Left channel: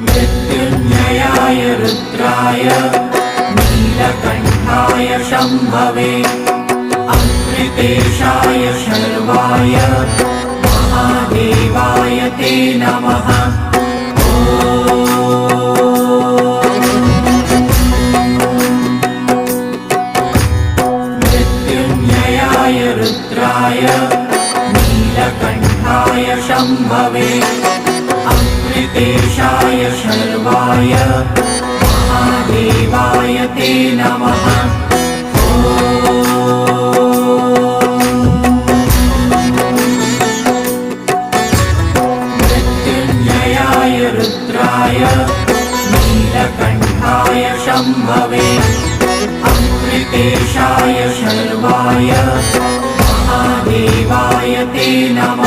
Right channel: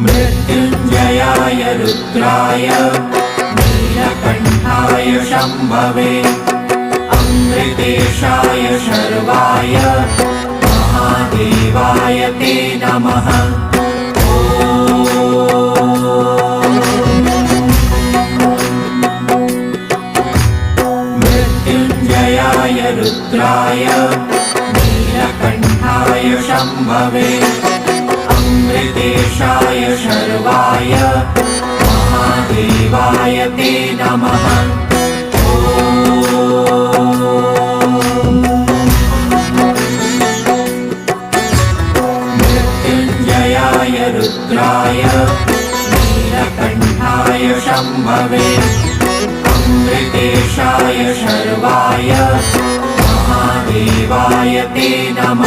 मृत्युञ्जयाय रुद्राय नीलकण्ठाय शम्भवे अमृतेशाय शर्वाय महादेवाय ते नमः। मृत्युञ्जयाय रुद्राय नीलकण्ठाय शम्भवे अमृतेशाय शर्वाय महादेवाय ते नमः। मृत्युञ्जयाय रुद्राय नीलकण्ठाय शम्भवे अमृतेशाय शर्वाय महादेवाय ते नमः।